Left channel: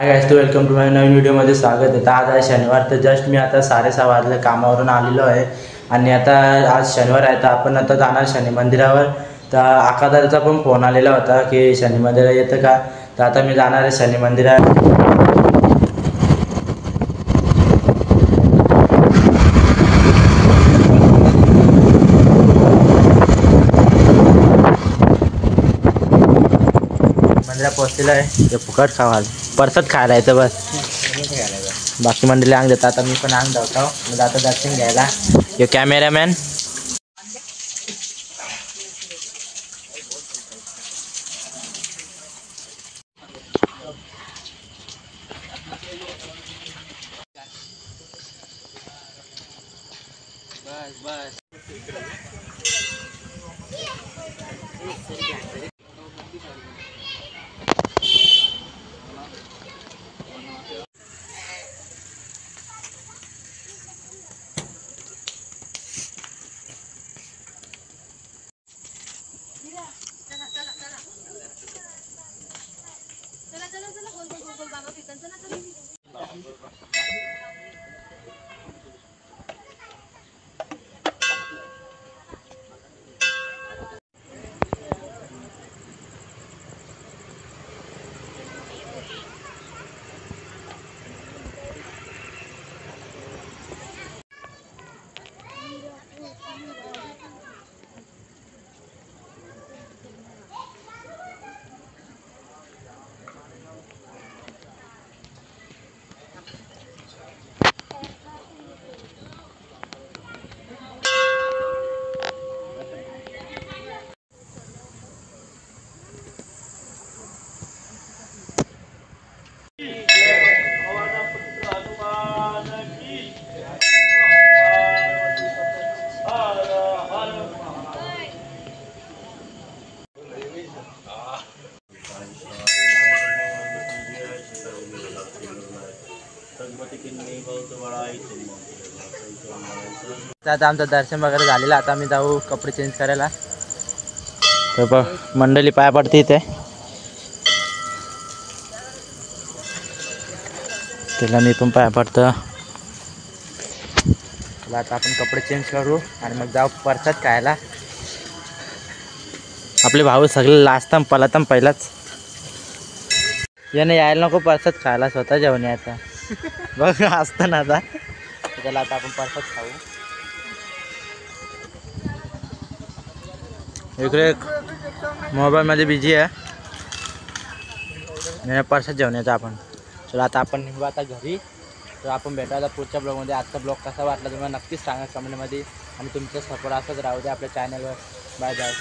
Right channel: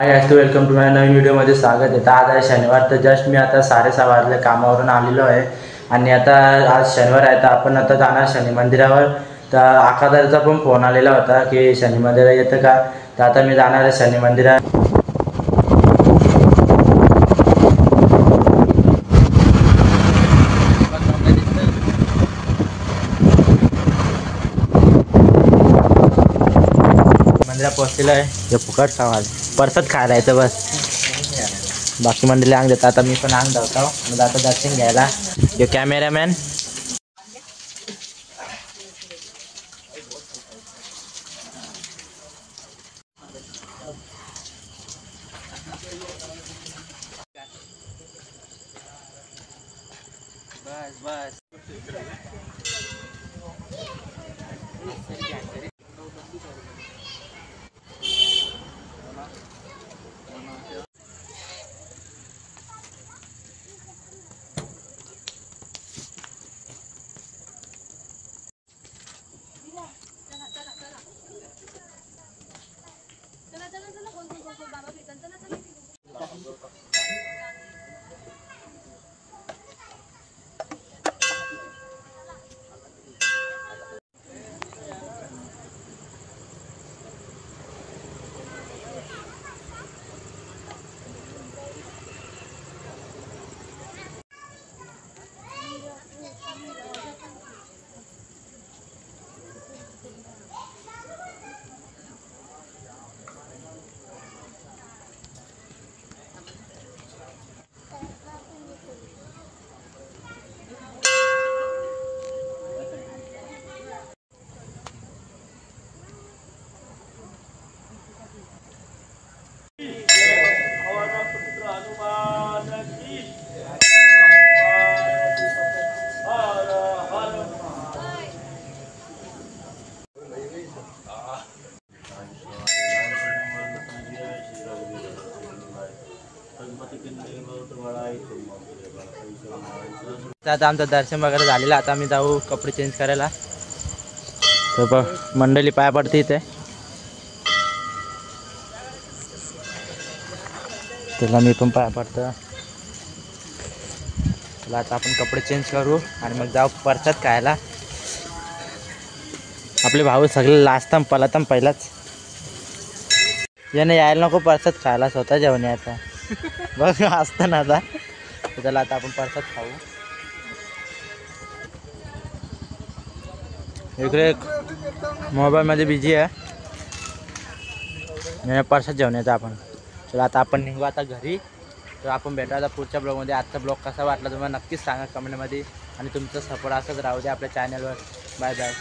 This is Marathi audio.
हाय गाइस, तो वेलकम टू माय नवीन व्हिडिओमध्ये स्वागत आहे। आज आहे शनिवार, तर जस्ट मी आता 6:30 वाजले कामावरून आलेलो आहे आणि आता आज शनिवार आहे, तर आपण आता जाणार शनी मंदिरावर। तर आकादारचा पण फोन आलेला होता की शनी मंदिरात येतं का, तर आता मी जाणार आहे शनी मंदिरात। मंदिरात पोहोचलेलं आहे, ते फुकट खावा परसाद खायला येतं बस, बाकी मंडळी अंग देतात। आता मी पण अंग धावतो म्हणजे आता दर्शन घ्यायला। यो कॅमेरामॅन बस बस आता आमचं दर्शन वगैरे झालेलं। आता आम्ही जाऊ कपडे चेंज करायला। तर बघ मंडळी पाया पडते इथे, त्याला मी पण पाया पडतो। चला आता आपण कपडे चेंज करू आणि मग जाऊ परसाद खायला। आपले भाऊ सगळे लाजताम पलाताम पहिलाच, याने यायला नको प्रसाद खायला, स्वतः जेवण यायचा बघ असतं ना। आता त्याला आता आपण प्रसाद खाऊ। इकडे मोबाईलमध्ये बिझी आहे, प्रसाद जेवण यायचा आपण। चला आता आपण निघू आता घरी। तर आपण भेटायला पुढच्या ब्लॉगमध्ये। आजचा ब्लॉग कसा वाटला तुम्हाला नक्कीच सांगा कमेंटमध्ये, आणि तुमचा सपोर्ट असंच राहू दे आपल्या चॅनलवर। Bye bye.